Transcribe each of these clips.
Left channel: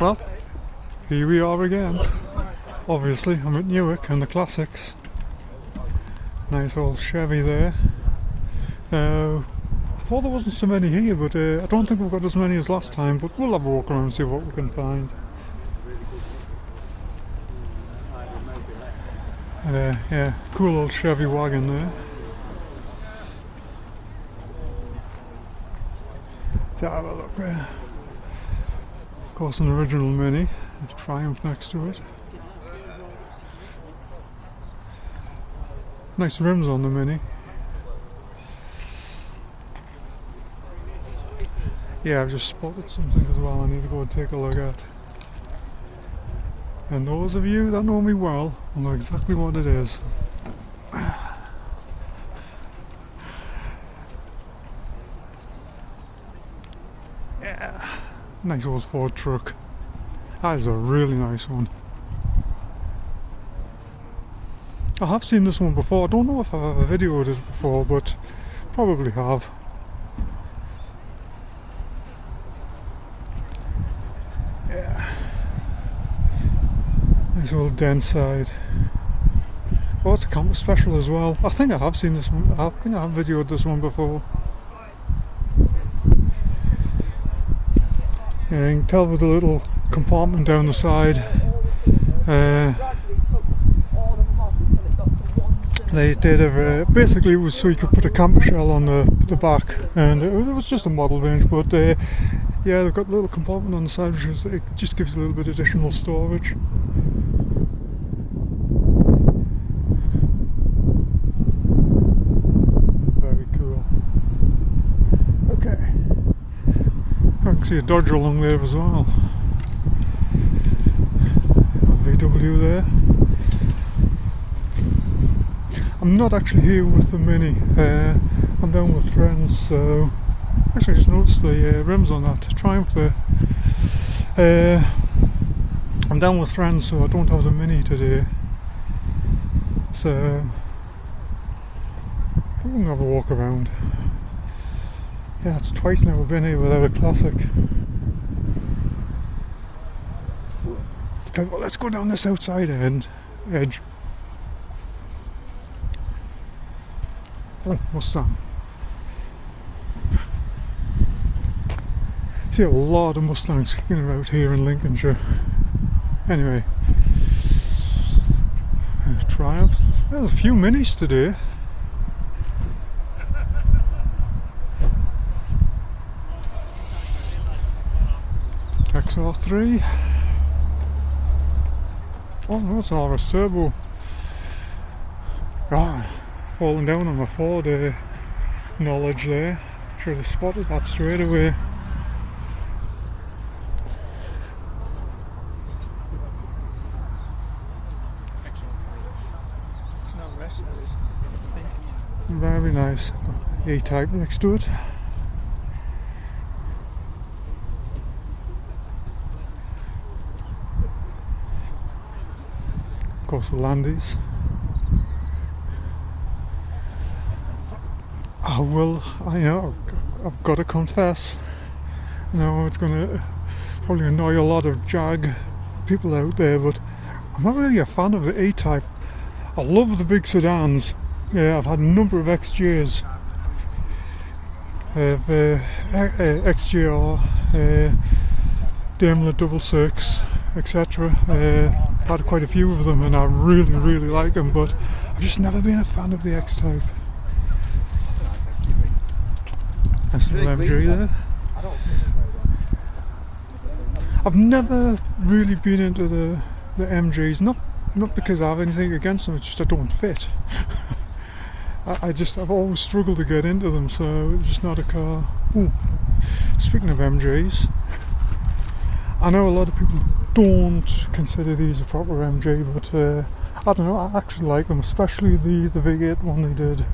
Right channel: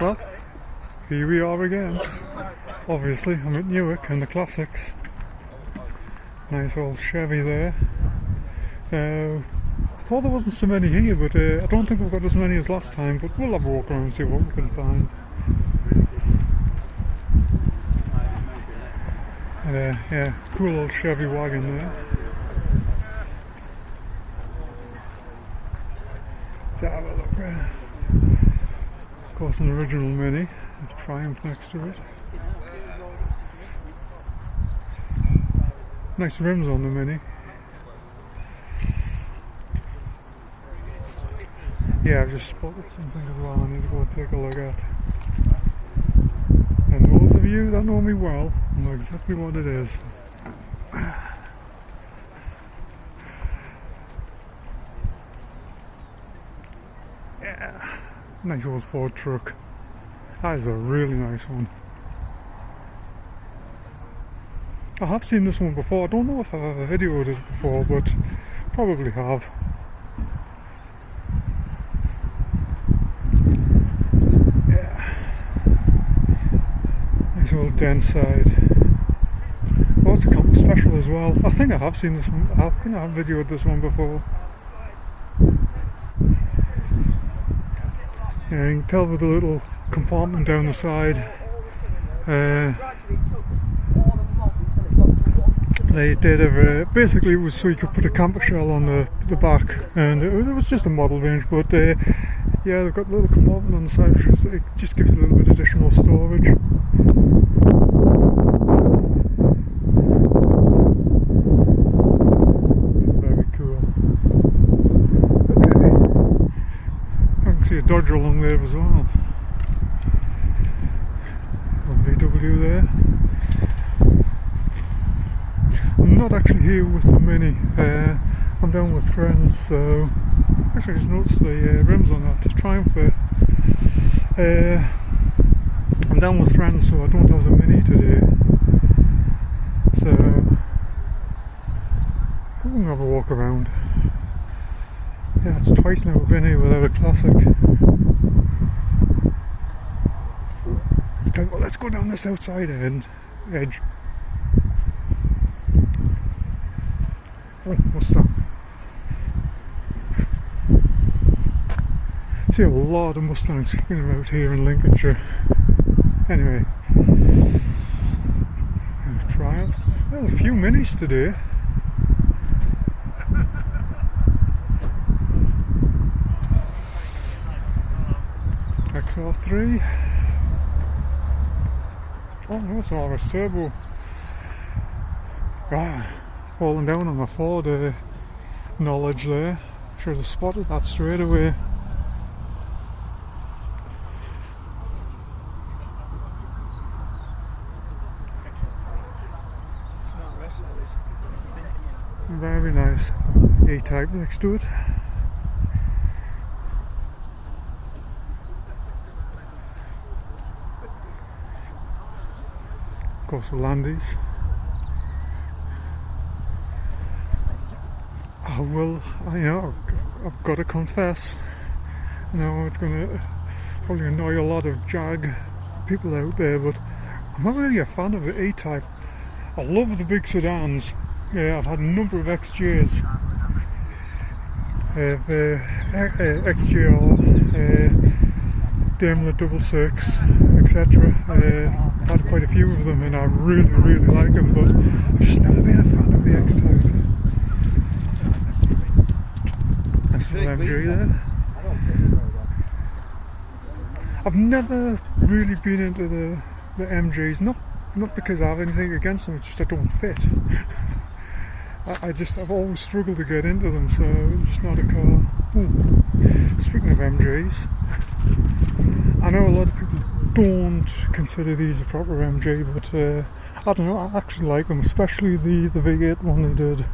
Well, here we are again. Obviously, I'm at Newark and the classics. Nice old Chevy there. I thought there wasn't so many here, but I don't think we've got as many as last time, but we'll have a walk around and see what we can find. And yeah, cool old Chevy wagon there. Let's have a look there. Of course, an original Mini, a Triumph next to it. Nice rims on the Mini. Yeah, I've just spotted something as well I need to go and take a look at. And those of you that know me well will know exactly what it is. Yeah, nice old Ford truck. That is a really nice one. I have seen this one before. I don't know if I've ever videoed it before, but probably have. Yeah. Nice old dent side. Oh, it's a Camper Special as well. I think I have seen this one. I think I have videoed this one before. Yeah, you can tell with the little compartment down the side. They did have basically it was so you could put a camper shell on the back, and it was just a model range, but yeah, they've got a little compartment on the side which is, it just gives a little bit additional storage. Very cool. Okay, I can see a Dodge along there as well. A VW there. I'm not actually here with the Mini, I'm down with friends, so actually I just noticed the rims on that Triumph there. I'm down with friends, so I don't have the Mini today, so we can have a walk around. Yeah, it's twice now we've been here without a classic. Okay, well, let's go down this outside edge. Oh, Mustang. See a lot of Mustangs kicking out here in Lincolnshire. Anyway, Triumphs. There's a few Minis today. XR3. Oh, that's RS Turbo. Ah. Falling down on my Ford knowledge there. Should have spotted that straight away. Very nice. E-Type next to it. Of course, the Landies. I've got to confess, I know it's going to probably annoy a lot of Jag people out there, but I'm not really a fan of the E-Type. I love the big sedans. Yeah, I've had a number of XJs, XJR, Daimler 66, etc. I've had quite a few of them and I really like them, but I've just never been a fan of the X-Type. Nice little MG there. I've never really been into the MGs, not because I have anything against them, it's just I don't fit. I've always struggled to get into them, so it's just not a car. Ooh, speaking of MGs, I know a lot of people don't consider these a proper MG, but I don't know, I actually like them, especially the V8 one they did.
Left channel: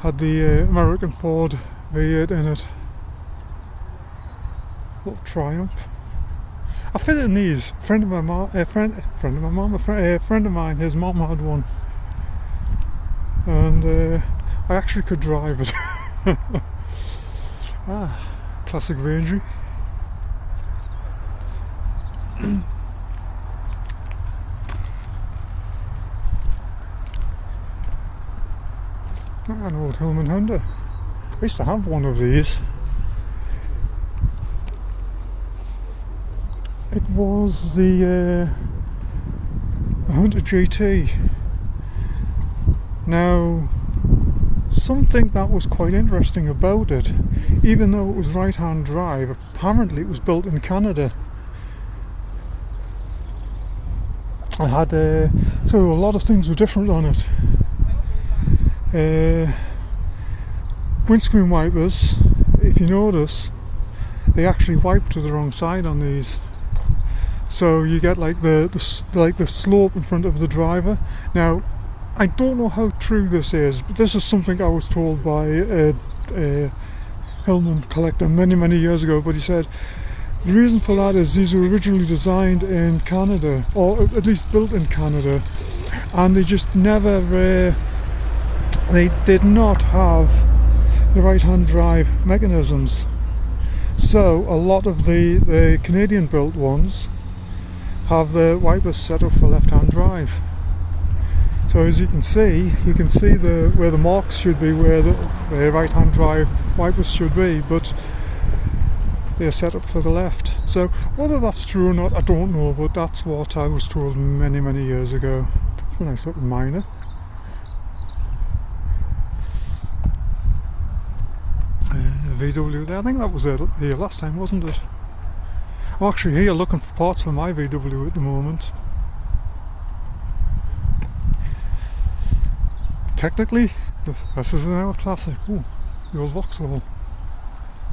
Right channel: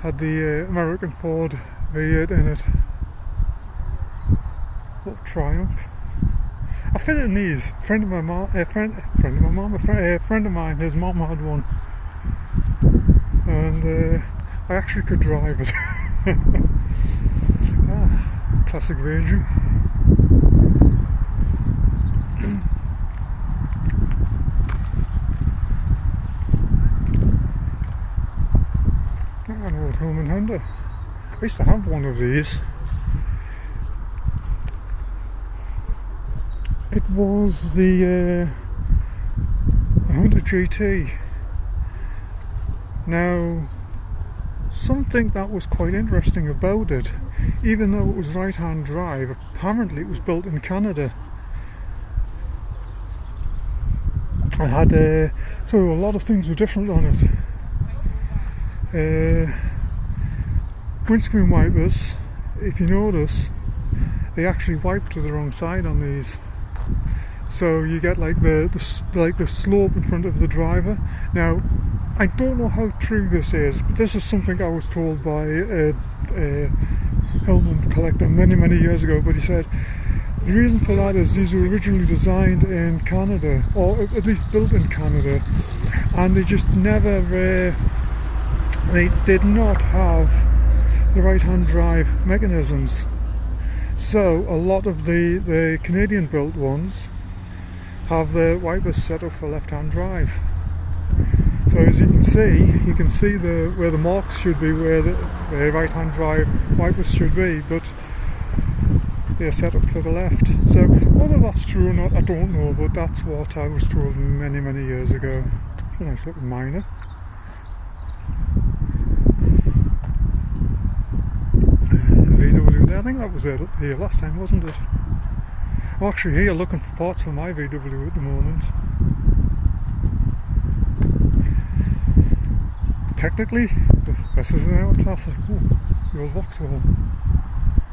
Had the American Ford V8 in it. Little Triumph. I fit in these. A friend of mine, his mom had one, and I actually could drive it. Classic Rangy. An old Hillman Honda. I used to have one of these. It was the Honda GT. Now, something that was quite interesting about it, even though it was right-hand drive, apparently it was built in Canada. I had so a lot of things were different on it. Windscreen wipers, if you notice, they actually wipe to the wrong side on these. So you get like the slope in front of the driver. Now, I don't know how true this is, but this is something I was told by a Hillman collector many years ago. But he said the reason for that is these were originally designed in Canada, or at least built in Canada, and they just never they did not have the right-hand drive mechanisms. So a lot of the Canadian built ones have the wipers set up for left-hand drive. So as you can see where the marks should be, where the right-hand drive wipers should be, but they're set up for the left. So whether that's true or not, I don't know, but that's what I was told many years ago. It's a nice little Miner. VW, I think that was here last time, wasn't it? I'm actually here looking for parts for my VW at the moment. Technically, this is now a classic. Ooh, the old Vauxhall.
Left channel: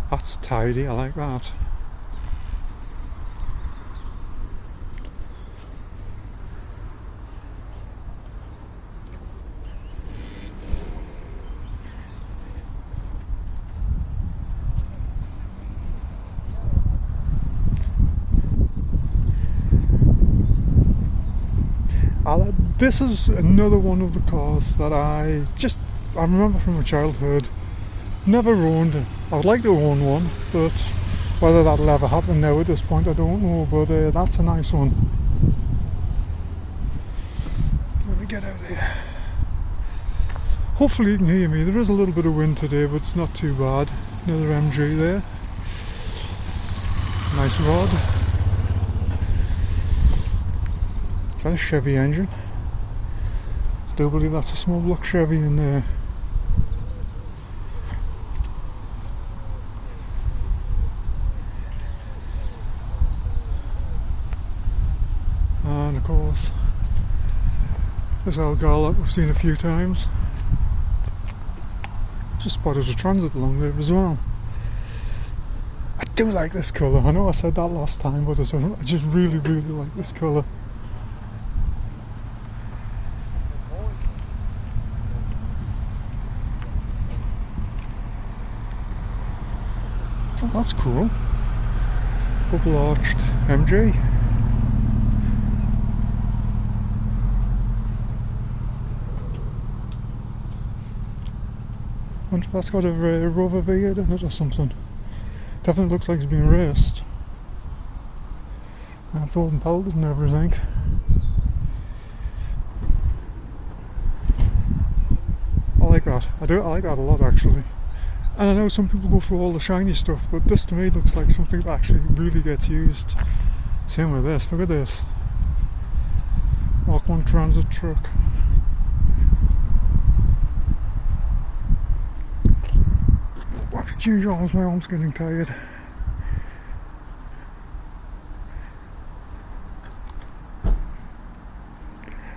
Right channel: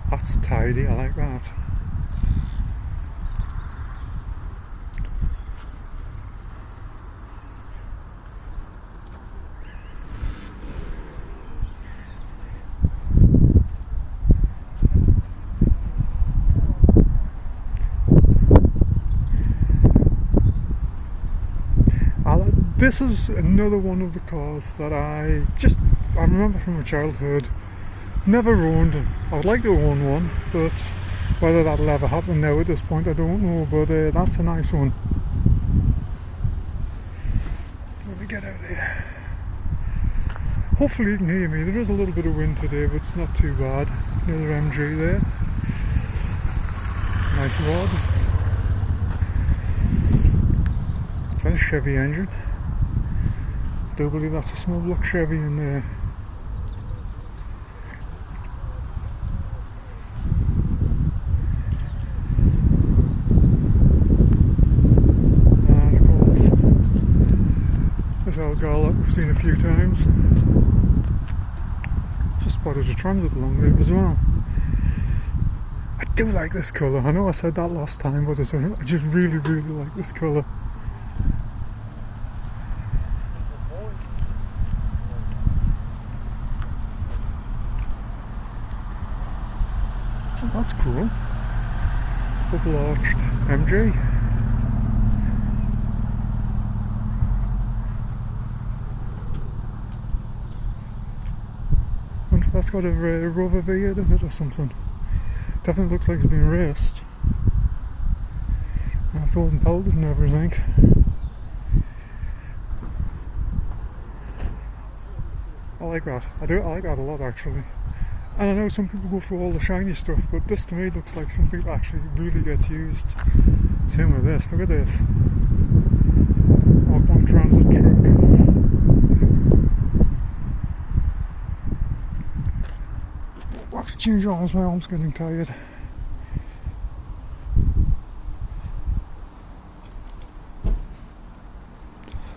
That's tidy, I like that. This is another one of the cars that I remember from my childhood. Never owned. I would like to own one, but whether that'll ever happen now at this point, I don't know. But that's a nice one. Let me get out of here. Hopefully you can hear me. There is a little bit of wind today, but it's not too bad. Another MG there. Nice rod. Is that a Chevy engine? I do believe that's a small block Chevy in there. And of course, this old girl that we've seen a few times. Just spotted a Transit along there as well. I do like this colour. I know I said that last time, but I just really like this colour. Oh, that's cool. Double arched MG. I wonder if that's got a Rover V8 in it or something. Definitely looks like it's been raced. And it's all belted and everything. I like that. I like that a lot actually. And I know some people go for all the shiny stuff, but this to me looks like something that actually really gets used. Same with this, look at this. Mark 1 Transit truck. I have to change arms, my arm's getting tired.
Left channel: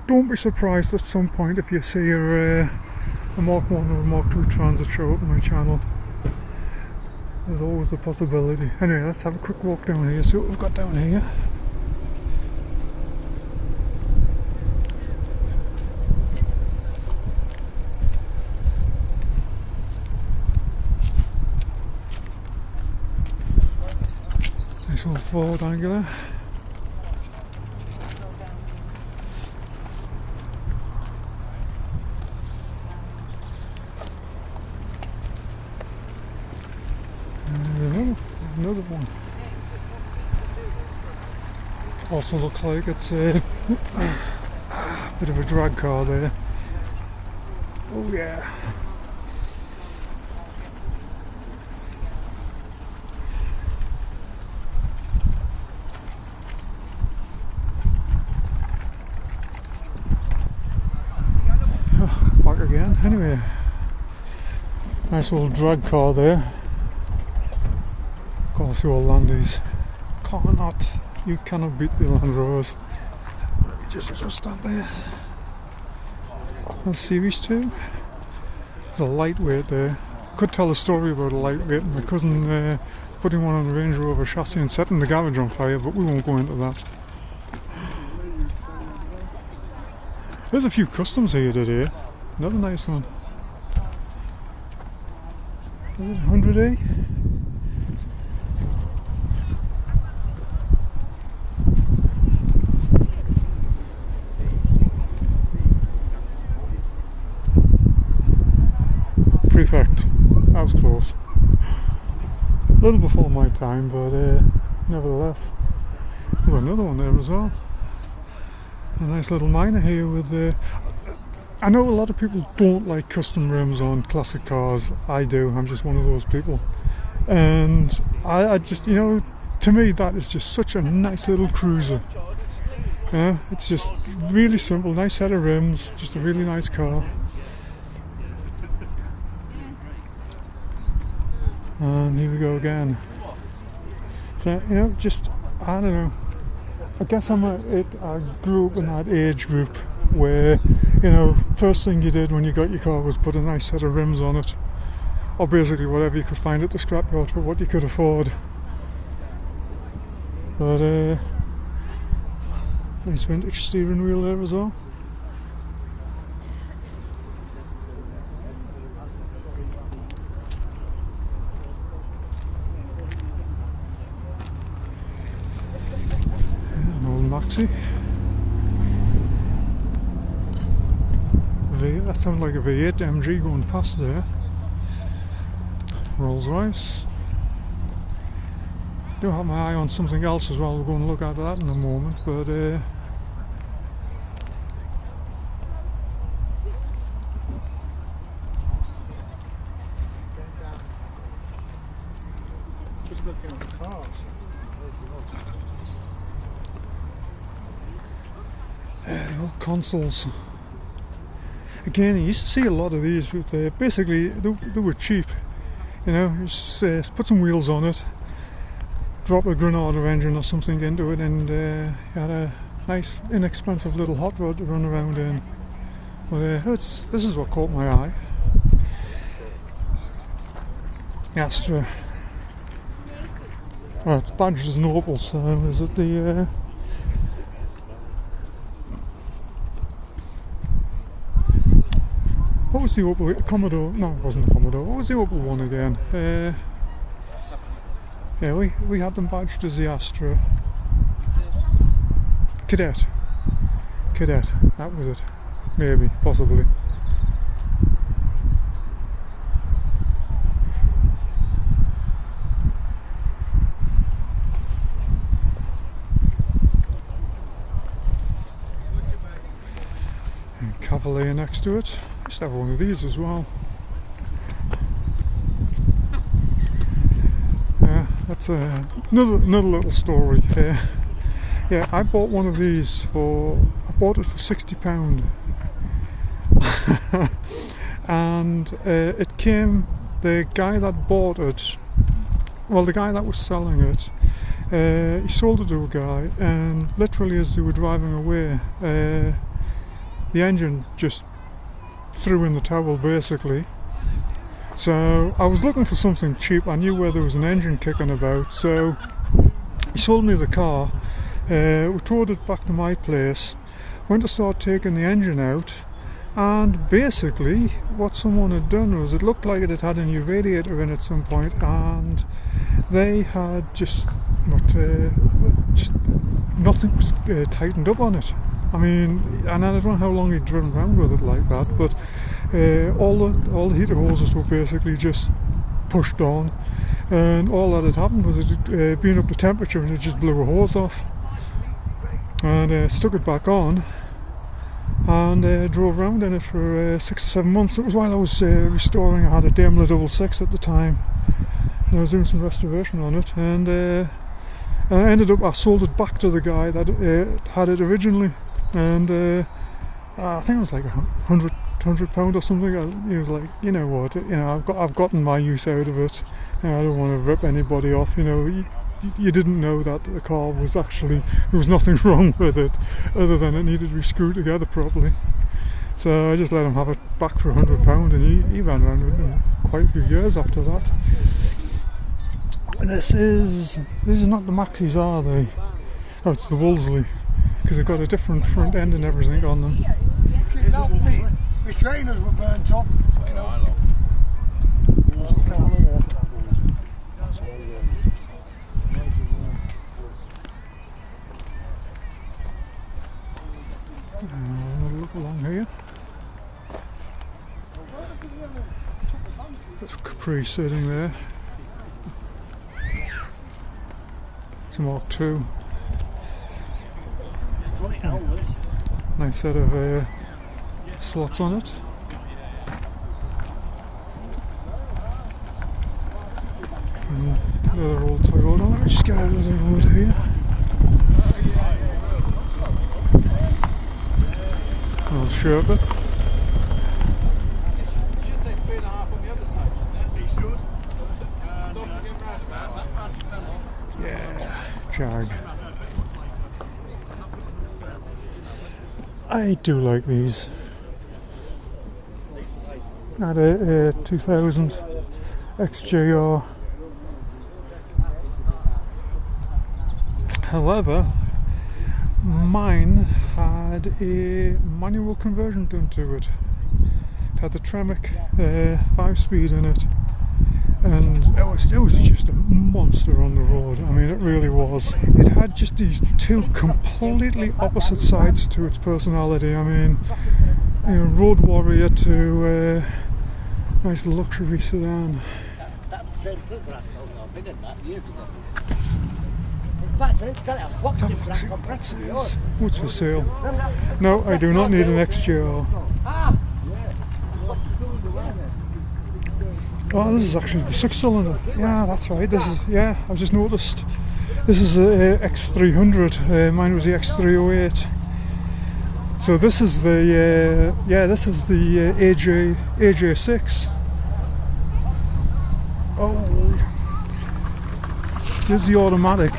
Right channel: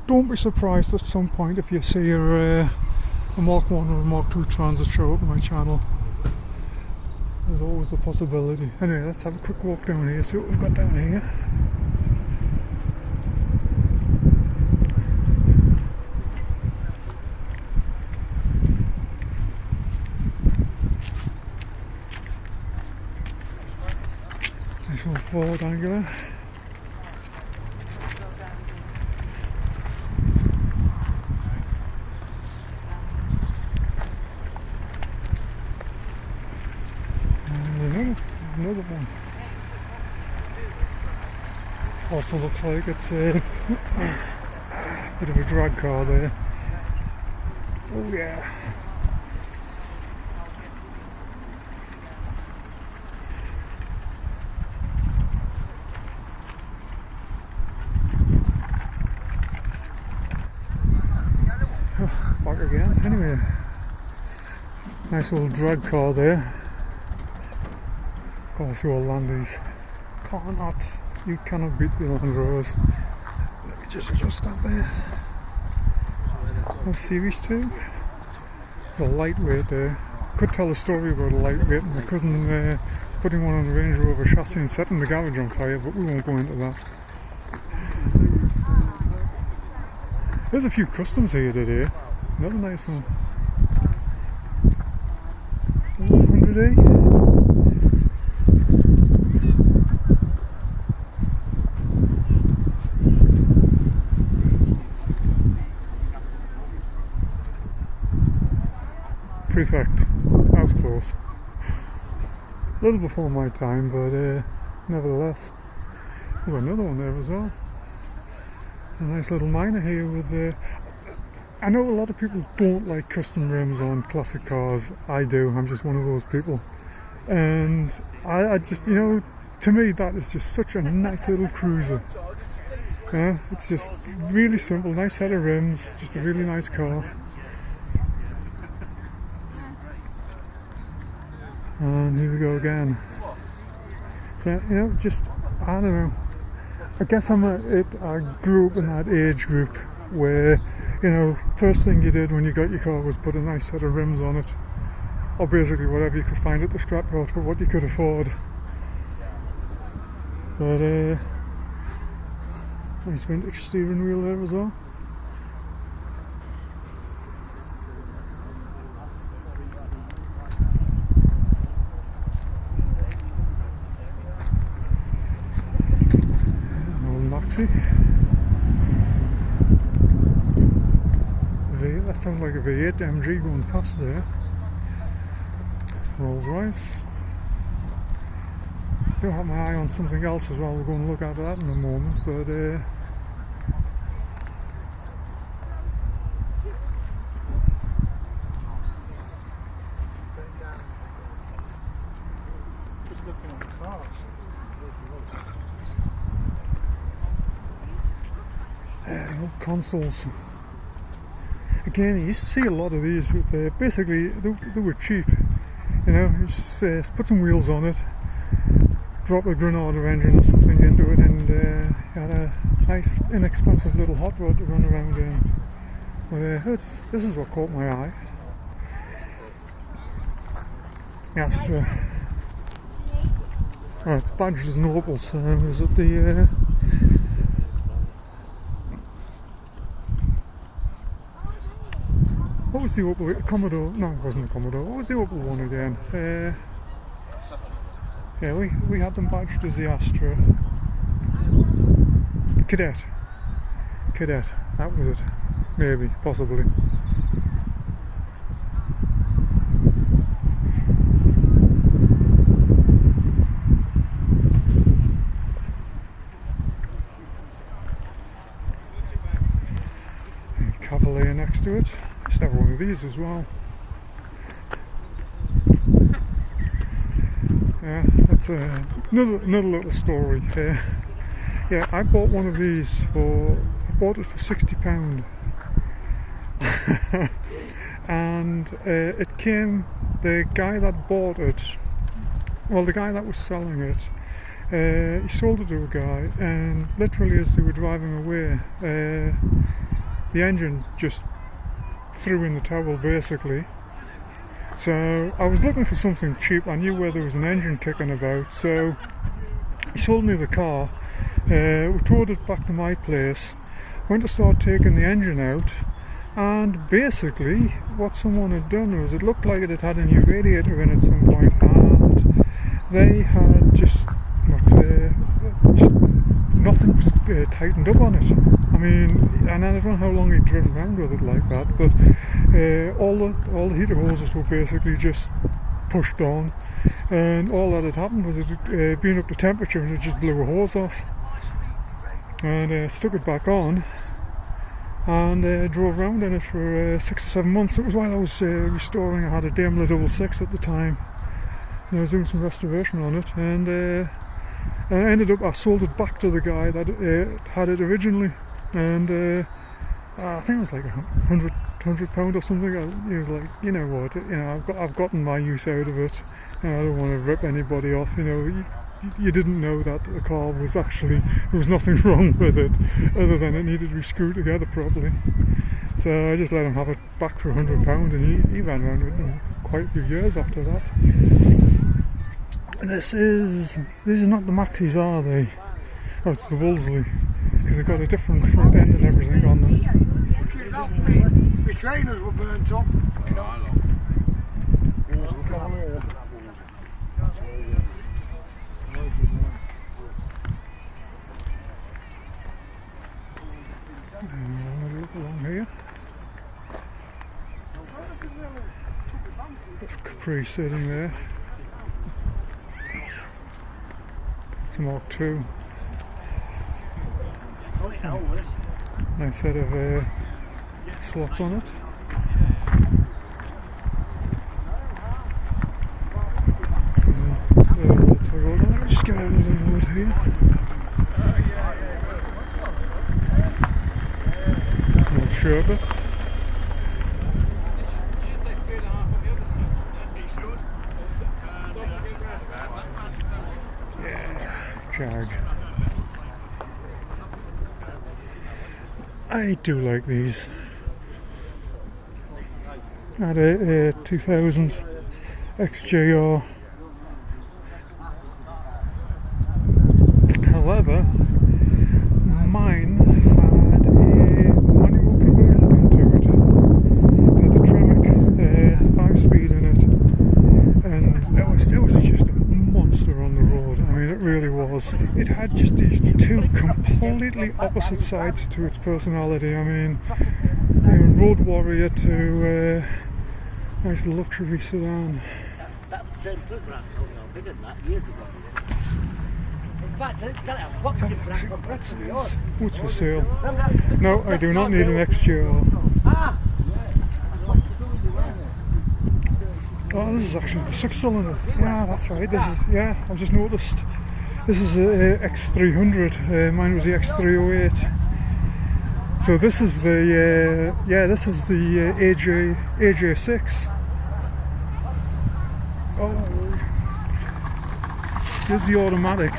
Don't be surprised at some point if you see a Mark 1 or a Mark 2 Transit show up on my channel. There's always the possibility. Anyway, let's have a quick walk down here, see what we've got down here. Nice old Ford Angular. another one. Also looks like it's a bit of a drag car there. Oh yeah. Back again. Anyway, nice old drag car there. Of course, your Landies you cannot beat the Land Rovers. Let me just adjust that there. That's Series 2. There's a lightweight there. Could tell a story about a lightweight and my cousin putting one on the Range Rover chassis and setting the garage on fire, but we won't go into that. There's a few customs here today. Another nice one. 100E. Prefect. That was close. A little before my time, but nevertheless. We've got another one there as well. A nice little Miner here with I know a lot of people don't like custom rims on classic cars. I do. I'm just one of those people. And I just, you know, to me that is just such a nice little cruiser. Yeah, it's just really simple, nice set of rims, just a really nice car. And here we go again. So, you know, just, I don't know. I guess I grew up in that age group where, you know, first thing you did when you got your car was put a nice set of rims on it, or basically whatever you could find at the scrapyard for what you could afford. But nice vintage steering wheel there as well. An old Maxi. That sounds like a V8 MG going past there. Rolls Royce. Do have my eye on something else as well. We'll go and look at that in a moment, but just looking at the cars. The old consoles. Again, you used to see a lot of these. Basically, they were cheap. You know, you just put some wheels on it, drop a Granada engine or something into it, and you had a nice, inexpensive little hot rod to run around in. But this is what caught my eye. Astra. Oh, it's badged as an Opel, so is it the... What was the Opel? The Commodore? No, it wasn't the Commodore. What was the Opel one again? Yeah, we had them badged as the Astra. Cadet. That was it. Maybe, possibly. And Cavalier next to it. Used to have one of these as well. Yeah, that's another little story. Yeah, I bought one of these I bought it for £60, and it came. The guy that bought it, well, the guy that was selling it, he sold it to a guy, and literally as they were driving away, the engine just threw in the towel basically. So I was looking for something cheap. I knew where there was an engine kicking about, so he sold me the car. We towed it back to my place, went to start taking the engine out, and basically what someone had done was, it looked like it had a new radiator in at some point, and they had just nothing was tightened up on it. I mean, and I don't know how long he'd driven around with it like that, but all the heater hoses were basically just pushed on, and all that had happened was it being up to temperature and it just blew a hose off, and stuck it back on and drove around in it for 6 or 7 months. It was while I was restoring. I had a Daimler 66 at the time, and I was doing some restoration on it, and I sold it back to the guy that had it originally, and I think it was like £100 or something. He was like, you know what, I've gotten my use out of it, and I don't want to rip anybody off. You didn't know that the car was actually, there was nothing wrong with it other than it needed to be screwed together properly. So I just let him have it back for £100, and he ran around with it quite a few years after that. And this is not the Maxis, are they? Oh, it's the Wolseley, because they've got a different front end and everything on them. His trainers were burnt off. Look along here. There's Capri sitting there. It's a Mark II. Nice set of slots on it. Another old Toyota. Let me just get out of the road here. Old Sherpa. Yeah, Jag. I do like these. I had a 2000 XJR. However, mine had a manual conversion done to it. It had the Tremec 5-speed in it, and it was just a monster on the road. I mean, it really was. It had just these two completely opposite sides to its personality. I mean, road warrior to nice luxury sedan. What's for sale? No, I do not need an XJR. Oh, this is actually the 6-cylinder. Yeah, that's right. This is, yeah, I've just noticed. This is a X300. Mine was the X308. So this is the this is the AJ6. Oh, here's the automatic.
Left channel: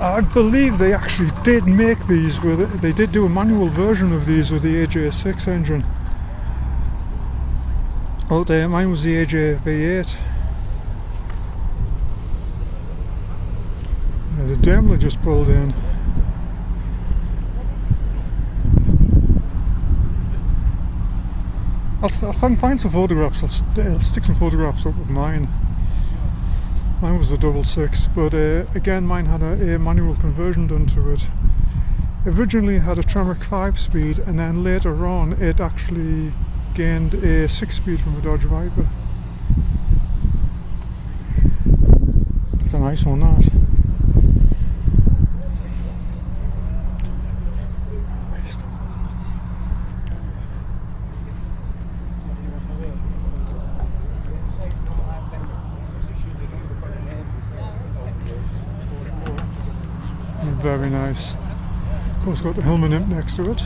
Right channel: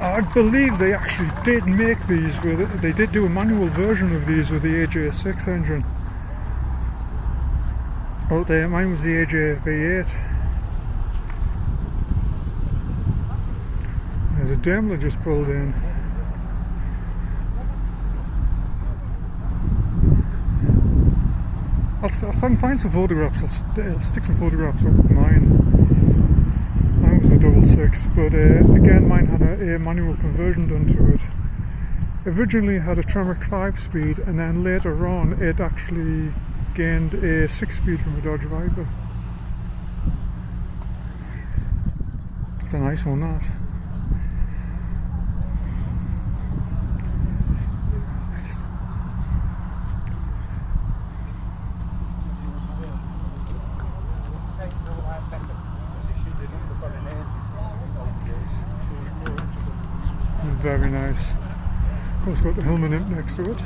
I believe they actually did make these with it. They did do a manual version of these with the AJ6 engine. Oh, there, mine was the AJ V8. There's a Daimler just pulled in. I'll find some photographs. I'll stick some photographs up of mine. Mine was the 66, but again, mine had a manual conversion done to it. Originally it had a Tremec 5-speed, and then later on it actually gained a 6-speed from a Dodge Viper. It's a nice one, that. Very nice. Of course, got the Hillman imp next to it.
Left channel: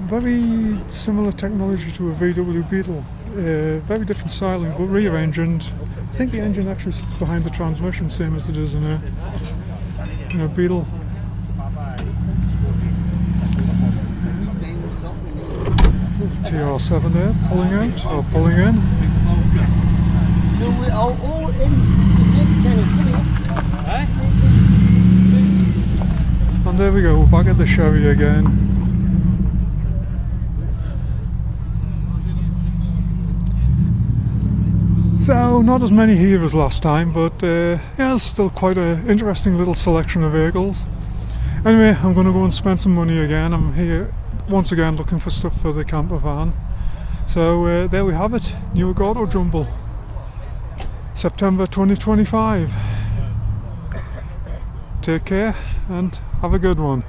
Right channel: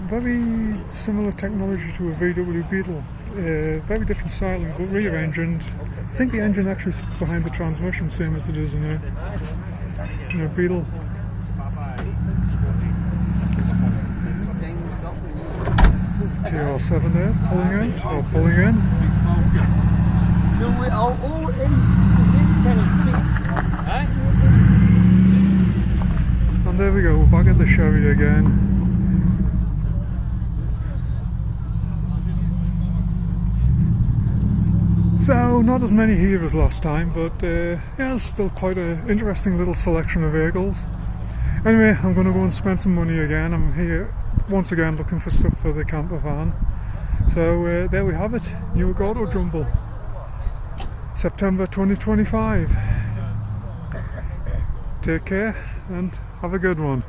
Very similar technology to a VW Beetle. Very different styling, but rear engined. I think the engine actually sits behind the transmission, same as it is in a Beetle. TR7 there, pulling out, or pulling in. And there we go, back at the Chevy again. So, not as many here as last time, but yeah, it's still quite an interesting little selection of vehicles. Anyway, I'm going to go and spend some money again. I'm here once again looking for stuff for the camper van. So there we have it, Newark Autojumble, September 2025. Take care and have a good one.